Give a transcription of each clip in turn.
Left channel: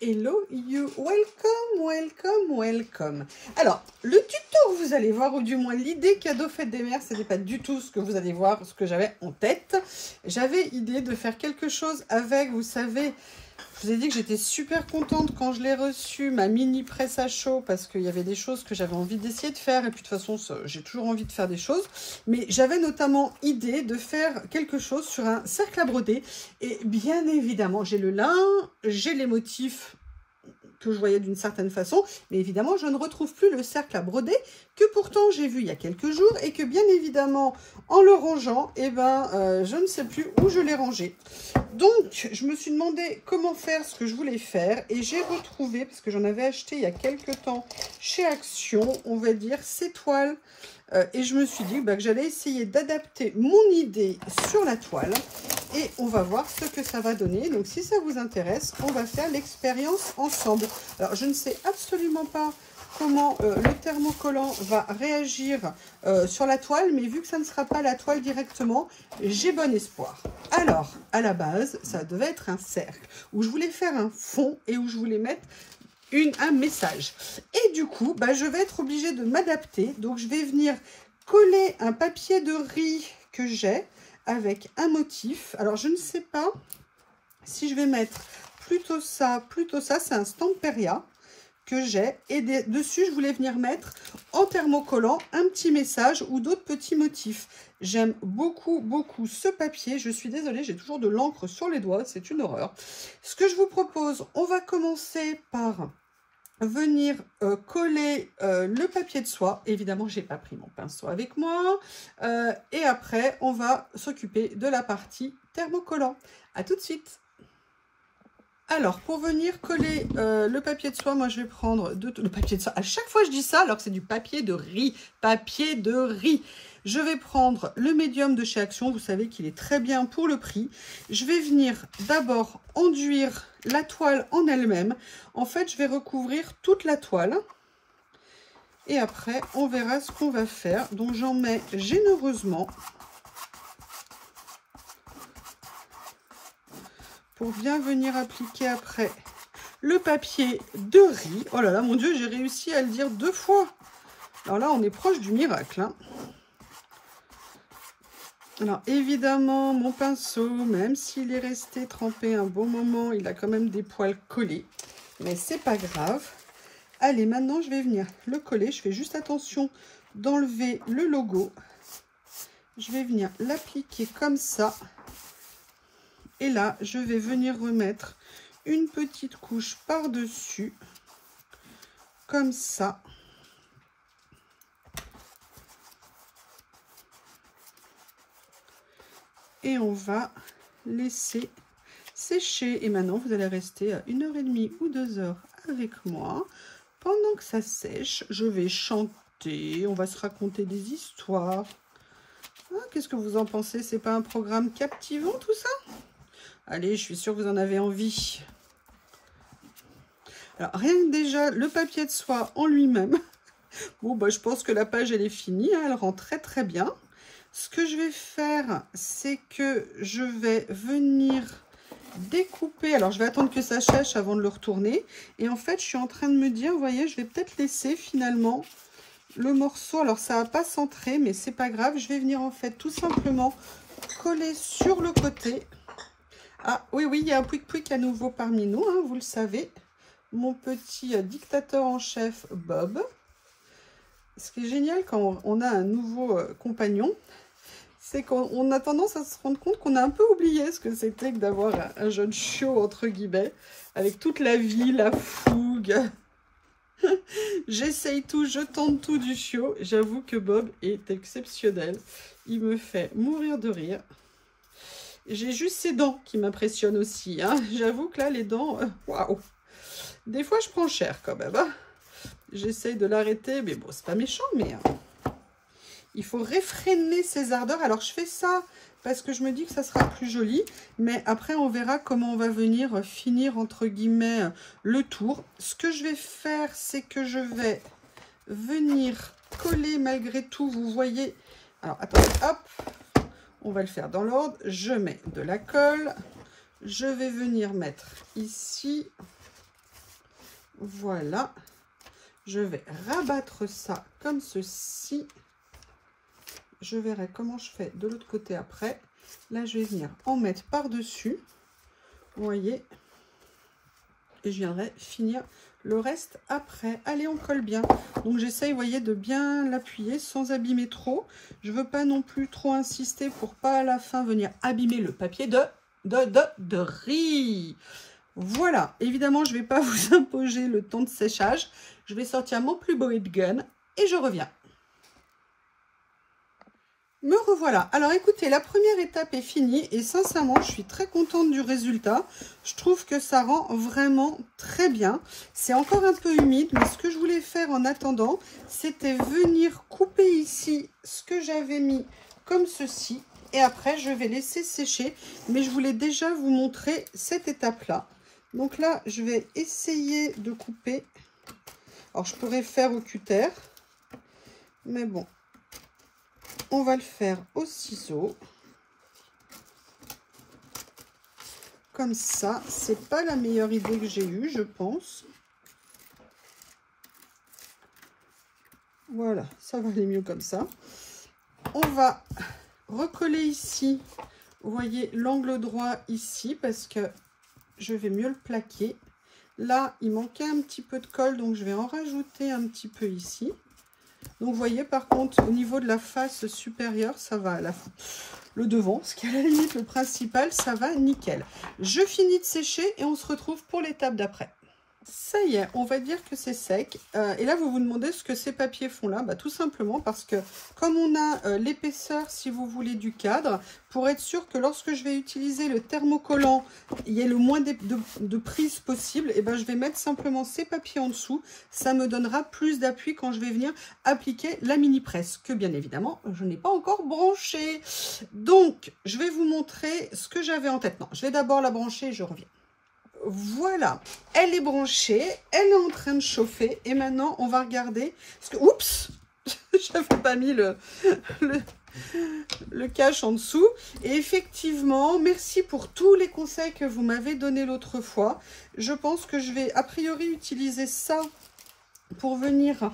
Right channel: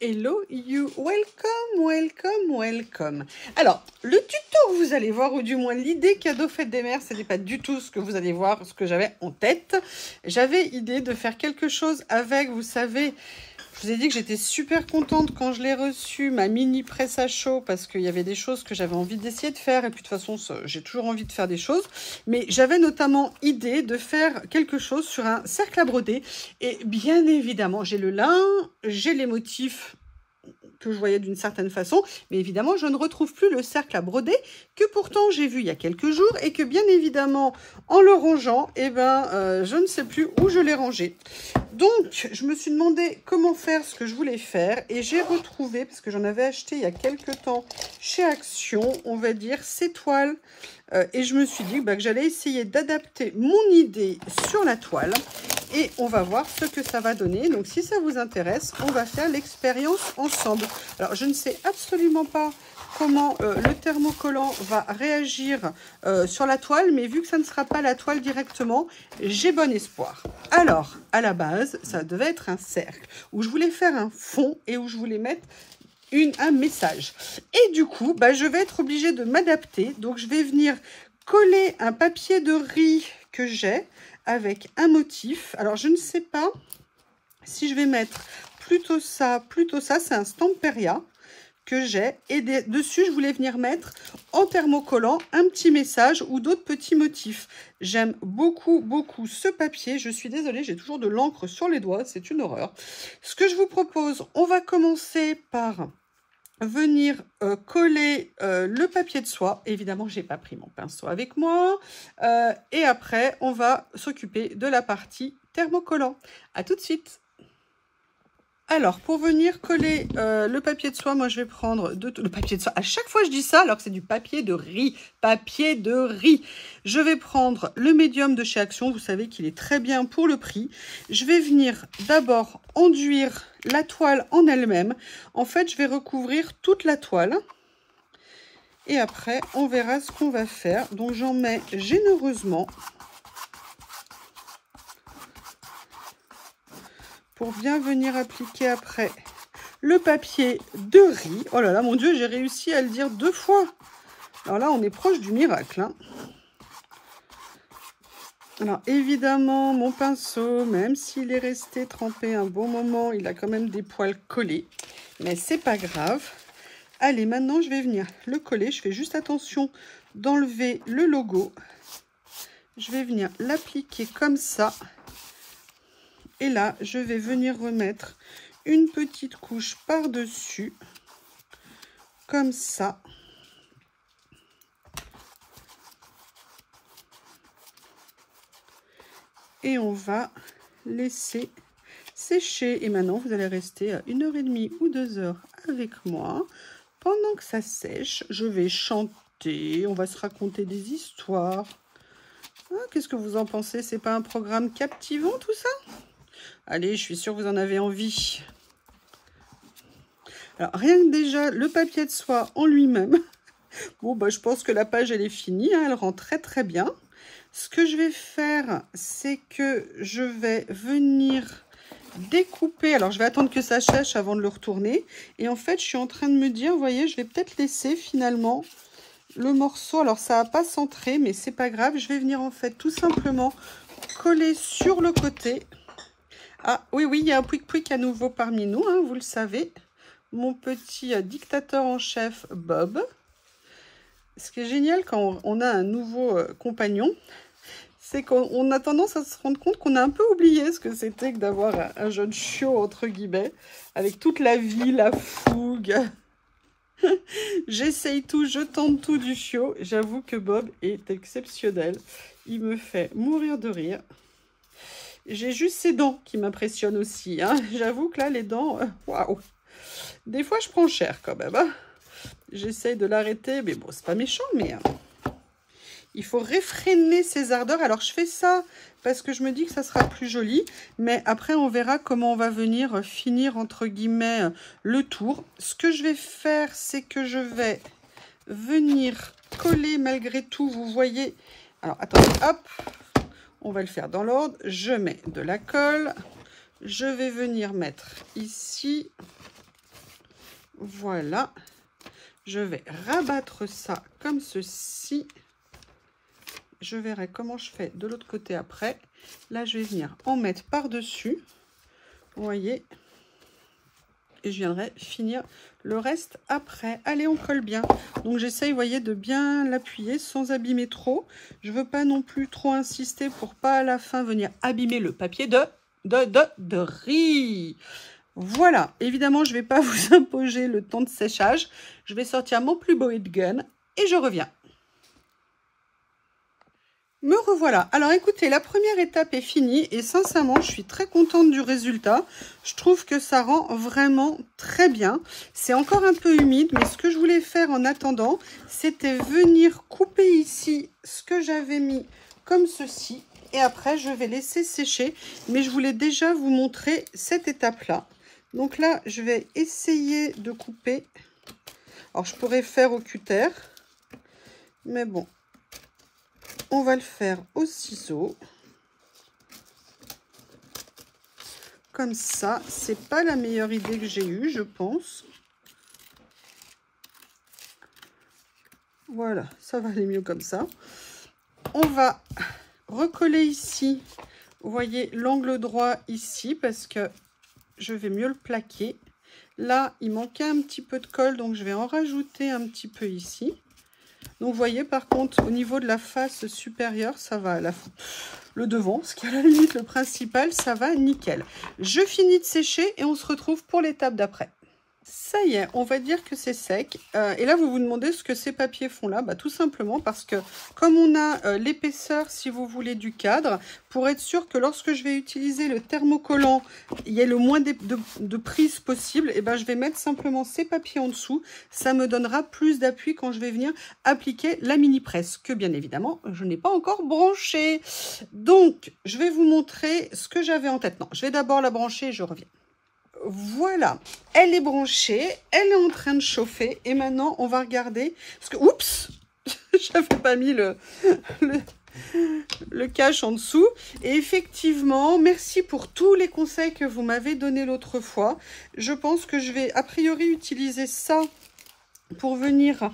Hello you, welcome, welcome, welcome. Alors, le tuto, vous allez voir, ou du moins l'idée cadeau fête des mères, ce n'est pas du tout ce que vous allez voir, ce que j'avais en tête. J'avais idée de faire quelque chose avec, vous savez, je vous ai dit que j'étais super contente quand je l'ai reçu, ma mini presse à chaud, parce qu'il y avait des choses que j'avais envie d'essayer de faire. Et puis de toute façon, j'ai toujours envie de faire des choses. Mais j'avais notamment idée de faire quelque chose sur un cercle à broder. Et bien évidemment, j'ai le lin, j'ai les motifs que je voyais d'une certaine façon, mais évidemment je ne retrouve plus le cercle à broder que pourtant j'ai vu il y a quelques jours et que bien évidemment en le rangeant, eh ben, je ne sais plus où je l'ai rangé. Donc je me suis demandé comment faire ce que je voulais faire et j'ai retrouvé, parce que j'en avais acheté il y a quelques temps chez Action, on va dire ces toiles, et je me suis dit que j'allais essayer d'adapter mon idée sur la toile. Et on va voir ce que ça va donner. Donc, si ça vous intéresse, on va faire l'expérience ensemble. Alors, je ne sais absolument pas comment le thermocollant va réagir sur la toile. Mais vu que ça ne sera pas la toile directement, j'ai bon espoir. Alors, à la base, ça devait être un cercle où je voulais faire un fond et où je voulais mettre un message. Et du coup, je vais être obligée de m'adapter. Donc, je vais venir coller un papier de riz que j'ai avec un motif. Alors, je ne sais pas si je vais mettre plutôt ça. C'est un Stamperia que j'ai. Et dessus, je voulais venir mettre en thermocollant un petit message ou d'autres petits motifs. J'aime beaucoup, beaucoup ce papier. Je suis désolée, j'ai toujours de l'encre sur les doigts. C'est une horreur. Ce que je vous propose, on va commencer par venir coller le papier de soie. Évidemment, j'ai pas pris mon pinceau avec moi. Et après, on va s'occuper de la partie thermocollant. À tout de suite. Alors, pour venir coller le papier de soie, moi, je vais prendre le papier de soie. À chaque fois, je dis ça, alors que c'est du papier de riz. Papier de riz. Je vais prendre le médium de chez Action. Vous savez qu'il est très bien pour le prix. Je vais venir d'abord enduire la toile en elle-même. En fait, je vais recouvrir toute la toile. Et après, on verra ce qu'on va faire. Donc, j'en mets généreusement pour bien venir appliquer après le papier de riz. Oh là là, mon Dieu, j'ai réussi à le dire 2 fois. Alors là, on est proche du miracle, hein. Alors, évidemment, mon pinceau, même s'il est resté trempé un bon moment, il a quand même des poils collés. Mais c'est pas grave. Allez, maintenant, je vais venir le coller. Je fais juste attention d'enlever le logo. Je vais venir l'appliquer comme ça. Et là, je vais venir remettre une petite couche par-dessus. Comme ça. Et on va laisser sécher. Et maintenant, vous allez rester 1h30 ou 2 heures avec moi. Pendant que ça sèche, je vais chanter. On va se raconter des histoires. Ah, qu'est-ce que vous en pensez? C'est pas un programme captivant tout ça? Allez, je suis sûre que vous en avez envie. Alors, rien que déjà, le papier de soie en lui-même. Bon, je pense que la page, elle est finie. Hein, elle rend très, très bien. Ce que je vais faire, c'est que je vais venir découper. Alors, je vais attendre que ça sèche avant de le retourner. Et en fait, je suis en train de me dire, vous voyez, je vais peut-être laisser finalement le morceau. Alors, ça n'a pas centré, mais c'est pas grave. Je vais venir en fait tout simplement coller sur le côté. Ah, oui, il y a un pouic-pouic à nouveau parmi nous, hein, vous le savez. Mon petit dictateur en chef, Bob. Ce qui est génial quand on a un nouveau compagnon, c'est qu'on a tendance à se rendre compte qu'on a un peu oublié ce que c'était que d'avoir un jeune chiot, entre guillemets, avec toute la vie, la fougue. J'essaye tout, je tente tout du chiot. J'avoue que Bob est exceptionnel. Il me fait mourir de rire. J'ai juste ses dents qui m'impressionnent aussi, hein. J'avoue que là, les dents, waouh. Des fois, je prends cher quand même, hein. J'essaye de l'arrêter, mais bon, c'est pas méchant, mais il faut réfréner ses ardeurs. Alors, je fais ça parce que je me dis que ça sera plus joli, mais après, on verra comment on va venir finir, entre guillemets, le tour. Ce que je vais faire, c'est que je vais venir coller malgré tout, vous voyez. Alors, attendez, hop, on va le faire dans l'ordre. Je mets de la colle. Je vais venir mettre ici. Voilà. Je vais rabattre ça comme ceci. Je verrai comment je fais de l'autre côté après. Là, je vais venir en mettre par-dessus. Vous voyez. Et je viendrai finir le reste après. Allez, on colle bien. Donc, j'essaye, vous voyez, de bien l'appuyer sans abîmer trop. Je veux pas non plus trop insister pour pas à la fin venir abîmer le papier de riz. Voilà. Évidemment, je vais pas vous imposer le temps de séchage. Je vais sortir mon plus beau heat gun et je reviens. Me revoilà. Alors écoutez, la première étape est finie et sincèrement, je suis très contente du résultat. Je trouve que ça rend vraiment très bien. C'est encore un peu humide, mais ce que je voulais faire en attendant, c'était venir couper ici ce que j'avais mis comme ceci. Et après, je vais laisser sécher. Mais je voulais déjà vous montrer cette étape-là. Donc là, je vais essayer de couper. Alors, je pourrais faire au cutter, mais bon. On va le faire au ciseau. Comme ça, c'est pas la meilleure idée que j'ai eue, je pense. Voilà, ça va aller mieux comme ça. On va recoller ici, vous voyez l'angle droit ici, parce que je vais mieux le plaquer. Là, il manquait un petit peu de colle, donc je vais en rajouter un petit peu ici. Donc, vous voyez, par contre, au niveau de la face supérieure, ça va. Le devant, ce qui est à la limite le principal, ça va nickel. Je finis de sécher et on se retrouve pour l'étape d'après. Ça y est, on va dire que c'est sec. Et là, vous vous demandez ce que ces papiers font là. Bah, tout simplement parce que comme on a l'épaisseur, si vous voulez, du cadre, pour être sûr que lorsque je vais utiliser le thermocollant, il y ait le moins de prise possible, et ben, je vais mettre simplement ces papiers en dessous. Ça me donnera plus d'appui quand je vais venir appliquer la mini presse, que bien évidemment, je n'ai pas encore branché. Donc, je vais vous montrer ce que j'avais en tête. Non, je vais d'abord la brancher et je reviens. Voilà, elle est branchée, elle est en train de chauffer et maintenant on va regarder, parce que, oups, j'avais pas mis le cache en dessous. Et effectivement, merci pour tous les conseils que vous m'avez donnés l'autre fois. Je pense que je vais a priori utiliser ça pour venir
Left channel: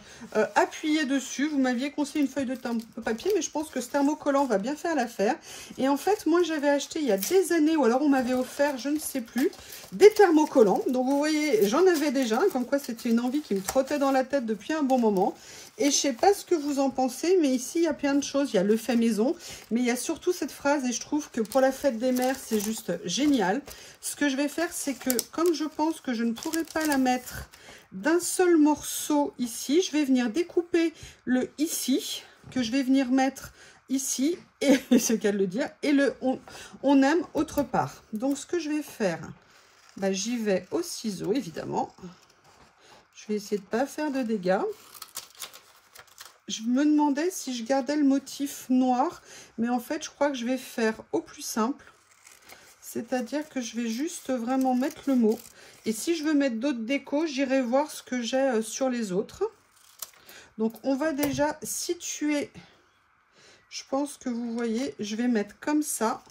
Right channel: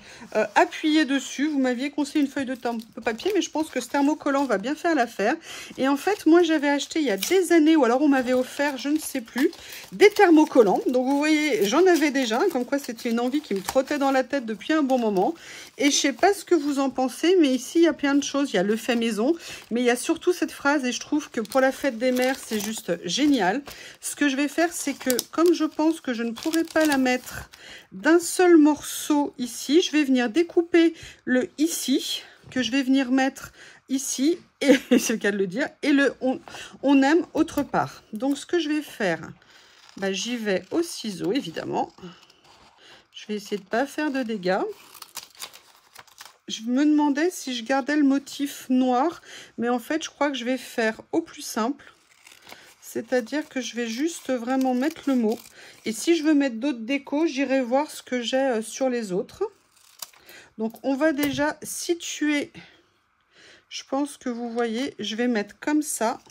appuyer dessus. Vous m'aviez conseillé une feuille de papier, mais je pense que ce thermocollant va bien faire l'affaire. Et en fait, moi, j'avais acheté il y a des années, ou alors on m'avait offert, je ne sais plus, des thermocollants. Donc, vous voyez, j'en avais déjà, comme quoi c'était une envie qui me trottait dans la tête depuis un bon moment. Et je sais pas ce que vous en pensez, mais ici, il y a plein de choses. Il y a le fait maison, mais il y a surtout cette phrase, et je trouve que pour la fête des mères, c'est juste génial. Ce que je vais faire, c'est que, comme je pense que je ne pourrai pas la mettre d'un seul morceau ici, je vais venir découper le ici, que je vais venir mettre ici, et c'est le cas de le dire, et le on aime autre part. Donc, ce que je vais faire, bah, j'y vais au ciseau, évidemment. Je vais essayer de ne pas faire de dégâts. Je me demandais si je gardais le motif noir, mais en fait, je crois que je vais faire au plus simple. C'est-à-dire que je vais juste vraiment mettre le mot. Et si je veux mettre d'autres décos, j'irai voir ce que j'ai sur les autres. Donc, on va déjà situer. Je pense que vous voyez, je vais mettre comme ça.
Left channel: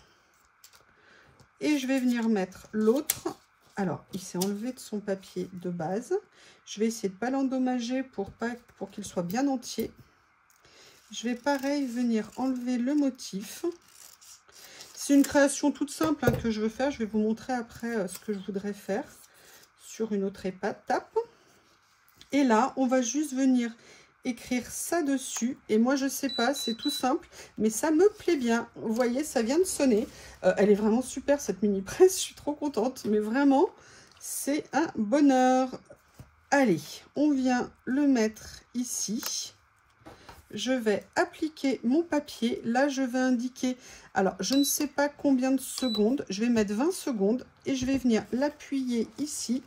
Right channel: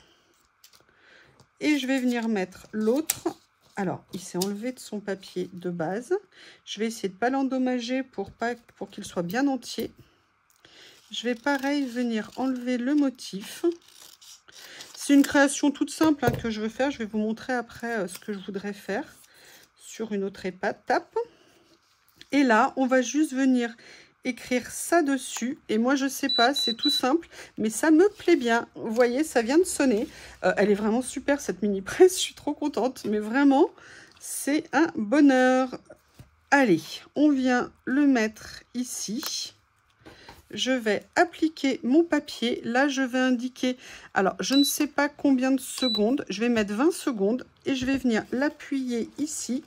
Et je vais venir mettre l'autre. Alors, il s'est enlevé de son papier de base. Je vais essayer de ne pas l'endommager pour qu'il soit bien entier. Je vais pareil venir enlever le motif. C'est une création toute simple que je veux faire. Je vais vous montrer après ce que je voudrais faire sur une autre étape. Et là, on va juste venir écrire ça dessus. Et moi, je sais pas, c'est tout simple, mais ça me plaît bien. Vous voyez, ça vient de sonner. Elle est vraiment super, cette mini presse. Je suis trop contente, mais vraiment, c'est un bonheur. Allez, on vient le mettre ici. Je vais appliquer mon papier. Là, je vais indiquer, alors, je ne sais pas combien de secondes. Je vais mettre 20 secondes et je vais venir l'appuyer ici.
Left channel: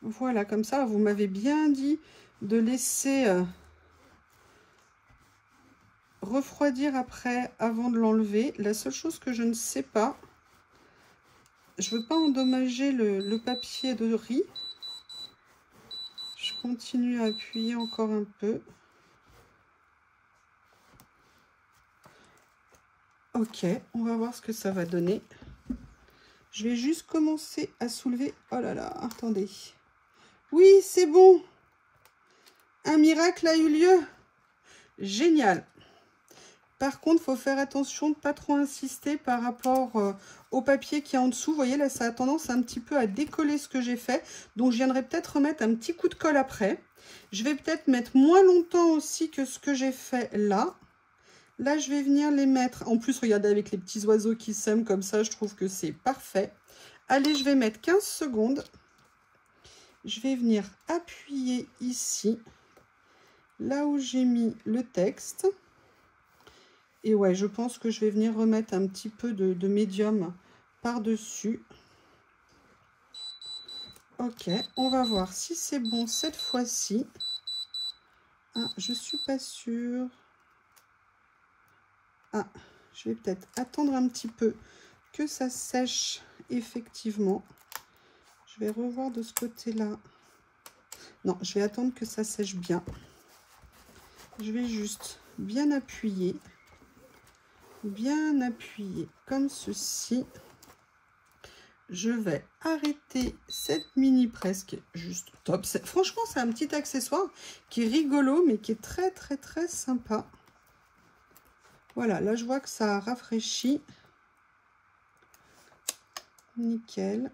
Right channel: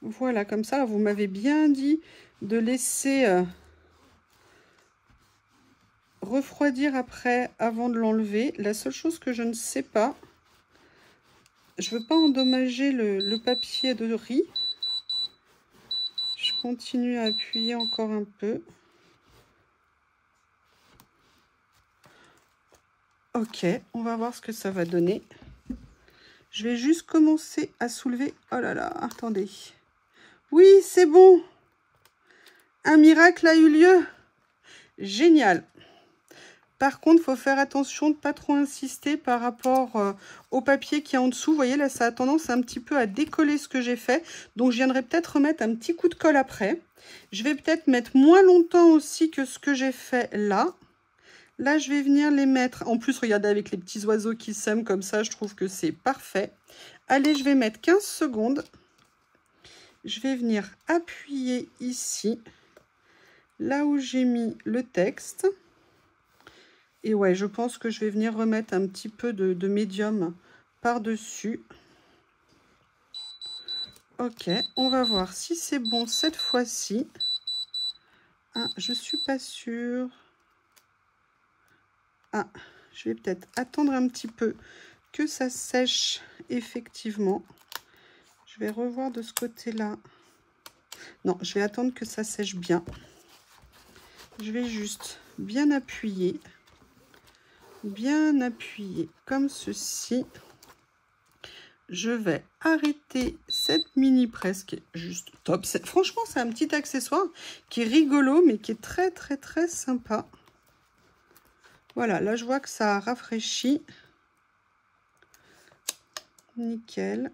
Voilà, comme ça, vous m'avez bien dit de laisser refroidir après, avant de l'enlever. La seule chose que je ne sais pas, je ne veux pas endommager le papier de riz. Je continue à appuyer encore un peu. Ok, on va voir ce que ça va donner. Je vais juste commencer à soulever. Oh là là, attendez. Oui, c'est bon. Un miracle a eu lieu. Génial. Par contre, il faut faire attention de ne pas trop insister par rapport au papier qui est en dessous. Vous voyez, là, ça a tendance un petit peu à décoller ce que j'ai fait. Donc, je viendrai peut-être remettre un petit coup de colle après. Je vais peut-être mettre moins longtemps aussi que ce que j'ai fait là. Là, je vais venir les mettre. En plus, regardez, avec les petits oiseaux qui sèment comme ça, je trouve que c'est parfait. Allez, je vais mettre 15 secondes. Je vais venir appuyer ici, là où j'ai mis le texte. Et ouais, je pense que je vais venir remettre un petit peu de médium par-dessus. Ok, on va voir si c'est bon cette fois-ci. Ah, je suis pas sûre. Ah, je vais peut-être attendre un petit peu que ça sèche effectivement. Je vais revoir de ce côté-là. Non, je vais attendre que ça sèche bien. Je vais juste bien appuyer comme ceci. Je vais arrêter cette mini presse qui est juste top. Franchement, c'est un petit accessoire qui est rigolo, mais qui est très, très, très sympa. Voilà, là, je vois que ça a rafraîchi. Nickel.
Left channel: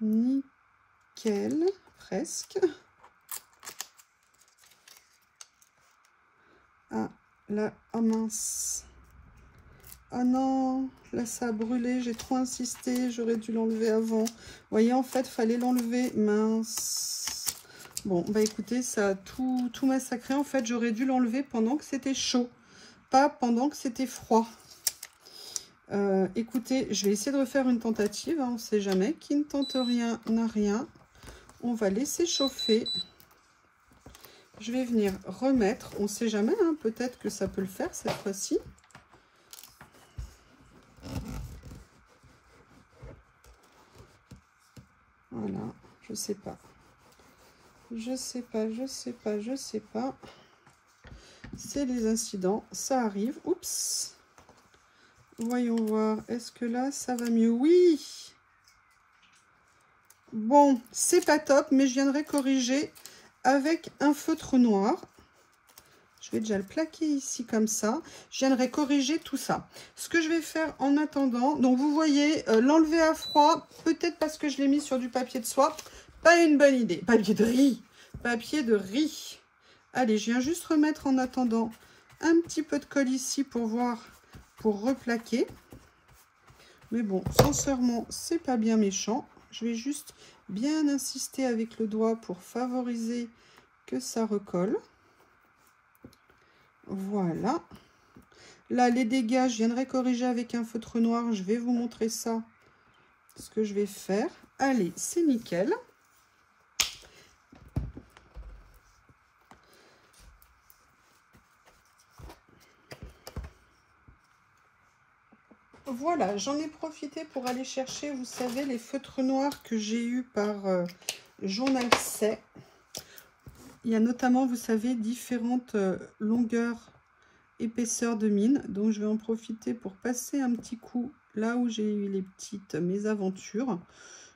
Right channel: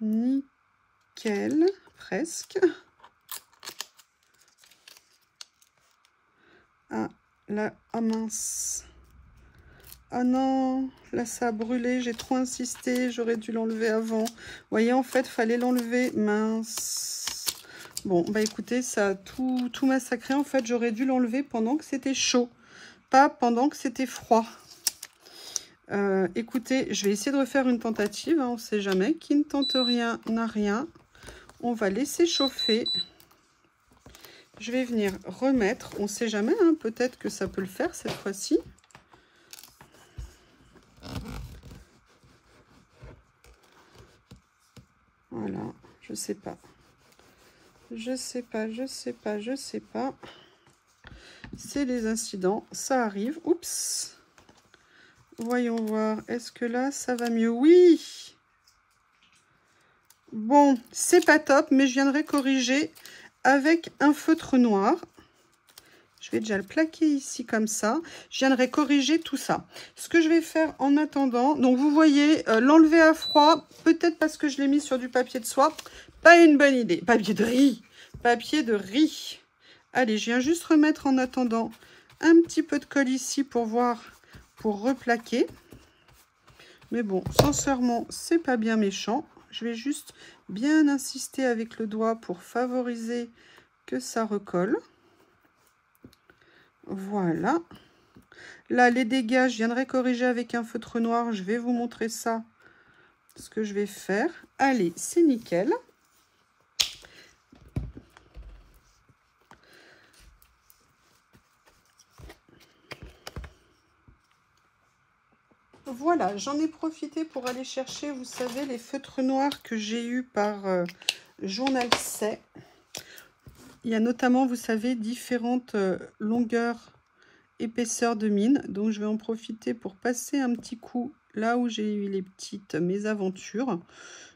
Nickel, presque. Ah, là, oh mince. Ah non, là ça a brûlé, j'ai trop insisté, j'aurais dû l'enlever avant. Vous voyez, en fait, il fallait l'enlever, mince. Bon, bah écoutez, ça a tout massacré. En fait, j'aurais dû l'enlever pendant que c'était chaud, pas pendant que c'était froid. Écoutez, je vais essayer de refaire une tentative, hein, on ne sait jamais. Qui ne tente rien n'a rien. On va laisser chauffer. Je vais venir remettre, on ne sait jamais, hein, peut-être que ça peut le faire cette fois-ci. Voilà, je sais pas. Je sais pas. C'est les incidents, ça arrive. Oups. Voyons voir, est-ce que là, ça va mieux? Oui. Bon, c'est pas top, mais je viendrai corriger avec un feutre noir. Je vais déjà le plaquer ici comme ça. Je viendrai corriger tout ça. Ce que je vais faire en attendant, donc vous voyez, l'enlever à froid, peut-être parce que je l'ai mis sur du papier de soie, pas une bonne idée. Papier de riz. Papier de riz. Allez, je viens juste remettre en attendant un petit peu de colle ici pour voir, pour replaquer. Mais bon, sincèrement, c'est pas bien méchant. Je vais juste bien insister avec le doigt pour favoriser que ça recolle. Voilà. Là, les dégâts, je viendrai corriger avec un feutre noir. Je vais vous montrer ça, ce que je vais faire. Allez, c'est nickel. Voilà, j'en ai profité pour aller chercher, vous savez, les feutres noirs que j'ai eus par Journal C'est. Il y a notamment, vous savez, différentes longueurs, épaisseurs de mine. Donc, je vais en profiter pour passer un petit coup là où j'ai eu les petites mésaventures.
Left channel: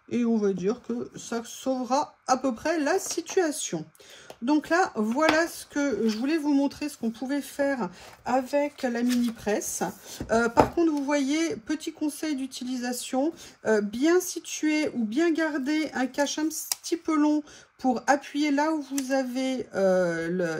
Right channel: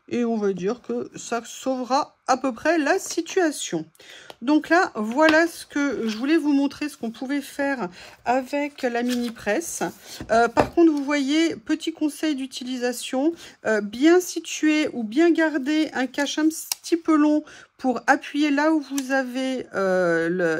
Et on va dire que ça sauvera à peu près la situation. Donc là, voilà ce que je voulais vous montrer, ce qu'on pouvait faire avec la mini presse. Par contre, vous voyez, petit conseil d'utilisation, bien situer ou bien garder un cache un petit peu long pour appuyer là où vous avez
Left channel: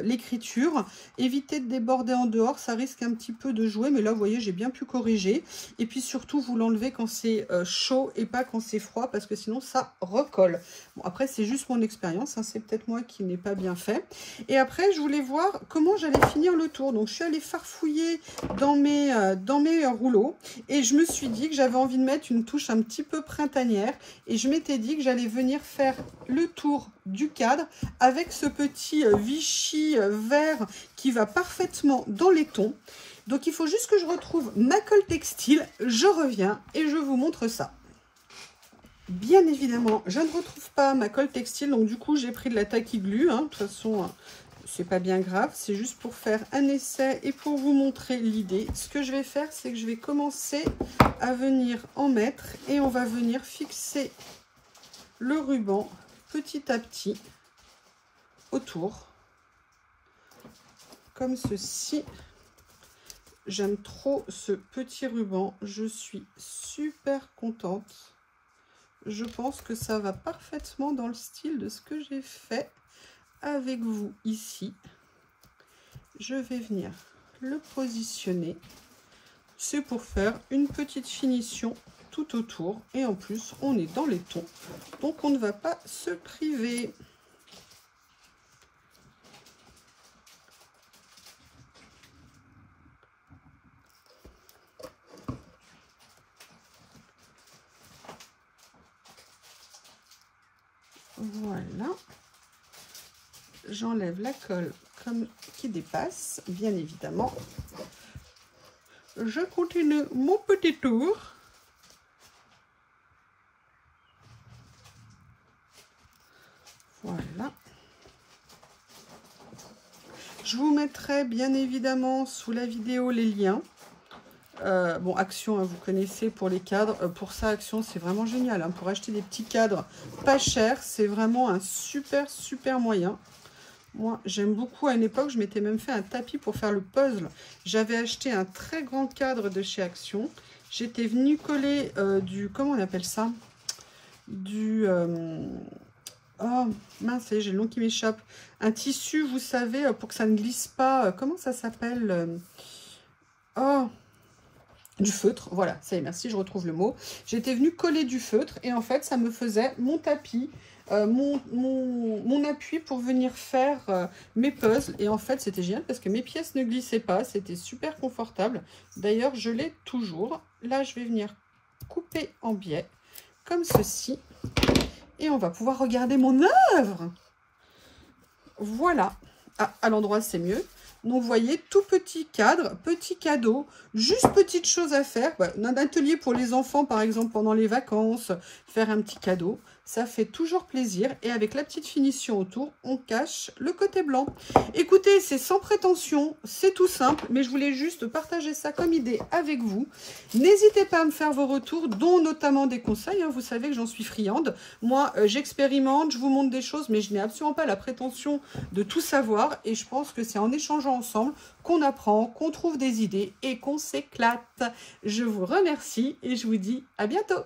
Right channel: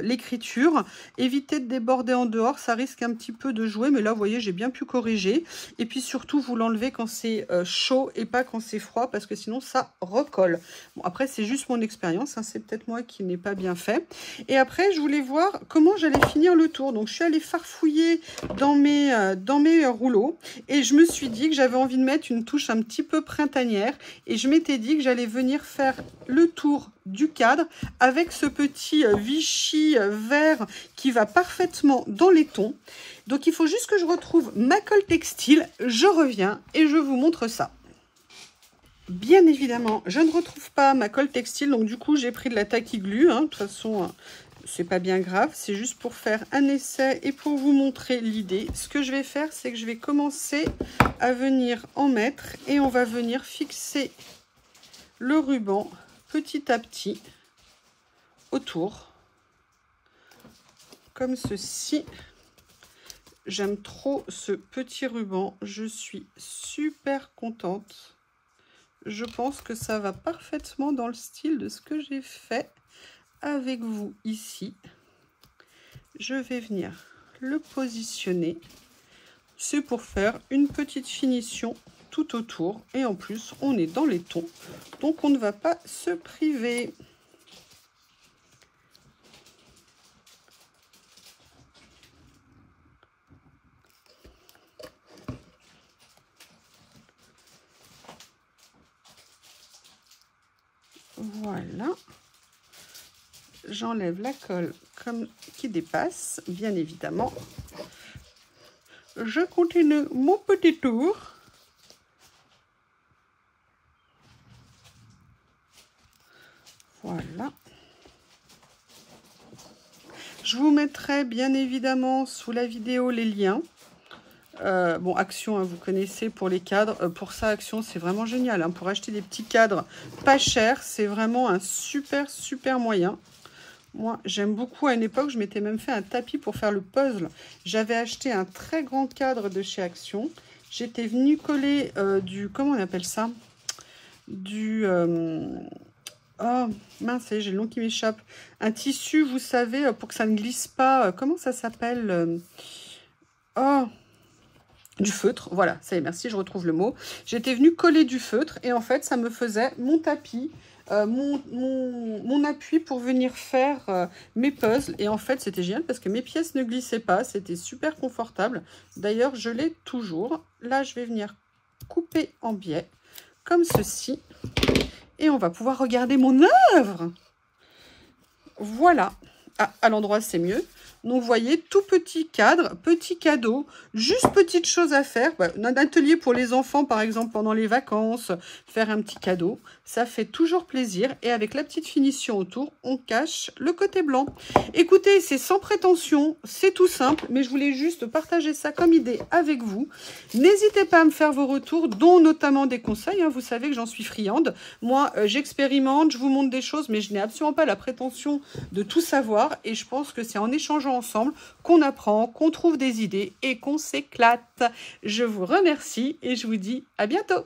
l'écriture. Évitez de déborder en dehors, ça risque un petit peu de jouer, mais là, vous voyez, j'ai bien pu corriger. Et puis surtout, vous l'enlevez quand c'est chaud et pas quand c'est froid, parce que sinon, ça recolle. Bon, après, c'est juste mon expérience, hein, c'est peut-être moi qui n'ai pas bien fait. Et après, je voulais voir comment j'allais finir le tour. Donc, je suis allée farfouiller dans mes rouleaux, et je me suis dit que j'avais envie de mettre une touche un petit peu printanière, et je m'étais dit que j'allais venir faire le tour du cadre avec ce petit Vichy vert qui va parfaitement dans les tons. Donc il faut juste que je retrouve ma colle textile, je reviens et je vous montre ça. Bien évidemment, je ne retrouve pas ma colle textile, donc du coup j'ai pris de la tacky glue, hein. De toute façon c'est pas bien grave, c'est juste pour faire un essai et pour vous montrer l'idée. Ce que je vais faire, c'est que je vais commencer à venir en mettre et on va venir fixer le ruban petit à petit autour, comme ceci. J'aime trop ce petit ruban, je suis super contente. Je pense que ça va parfaitement dans le style de ce que j'ai fait avec vous ici. Je vais venir le positionner. C'est pour faire une petite finition tout autour. Et en plus, on est dans les tons. Donc, on ne va pas se priver. Voilà. J'enlève la colle comme qui dépasse, bien évidemment. Je continue mon petit tour. Voilà. Je vous mettrai bien évidemment sous la vidéo les liens. Bon, Action, hein, vous connaissez pour les cadres. Pour ça, Action, c'est vraiment génial. Hein, pour acheter des petits cadres pas chers, c'est vraiment un super moyen. Moi, j'aime beaucoup. À une époque, je m'étais même fait un tapis pour faire le puzzle. J'avais acheté un très grand cadre de chez Action. J'étais venue coller du... Comment on appelle ça? Du... oh, mince, j'ai le nom qui m'échappe. Un tissu, vous savez, pour que ça ne glisse pas. Comment ça s'appelle? Oh, du feutre. Voilà, ça y est, merci, je retrouve le mot. J'étais venue coller du feutre et en fait, ça me faisait mon tapis. Mon appui pour venir faire mes puzzles. Et en fait, c'était génial parce que mes pièces ne glissaient pas. C'était super confortable. D'ailleurs, je l'ai toujours. Là, je vais venir couper en biais, comme ceci. Et on va pouvoir regarder mon œuvre. Voilà. Ah, à l'endroit, c'est mieux. Donc, vous voyez, tout petit cadre, petit cadeau, juste petite chose à faire. Voilà, un atelier pour les enfants, par exemple, pendant les vacances, faire un petit cadeau. Ça fait toujours plaisir. Et avec la petite finition autour, on cache le côté blanc. Écoutez, c'est sans prétention, c'est tout simple, mais je voulais juste partager ça comme idée avec vous. N'hésitez pas à me faire vos retours, dont notamment des conseils. Hein. Vous savez que j'en suis friande. Moi, j'expérimente, je vous montre des choses, mais je n'ai absolument pas la prétention de tout savoir. Et je pense que c'est en échangeant ensemble qu'on apprend, qu'on trouve des idées et qu'on s'éclate. Je vous remercie et je vous dis à bientôt.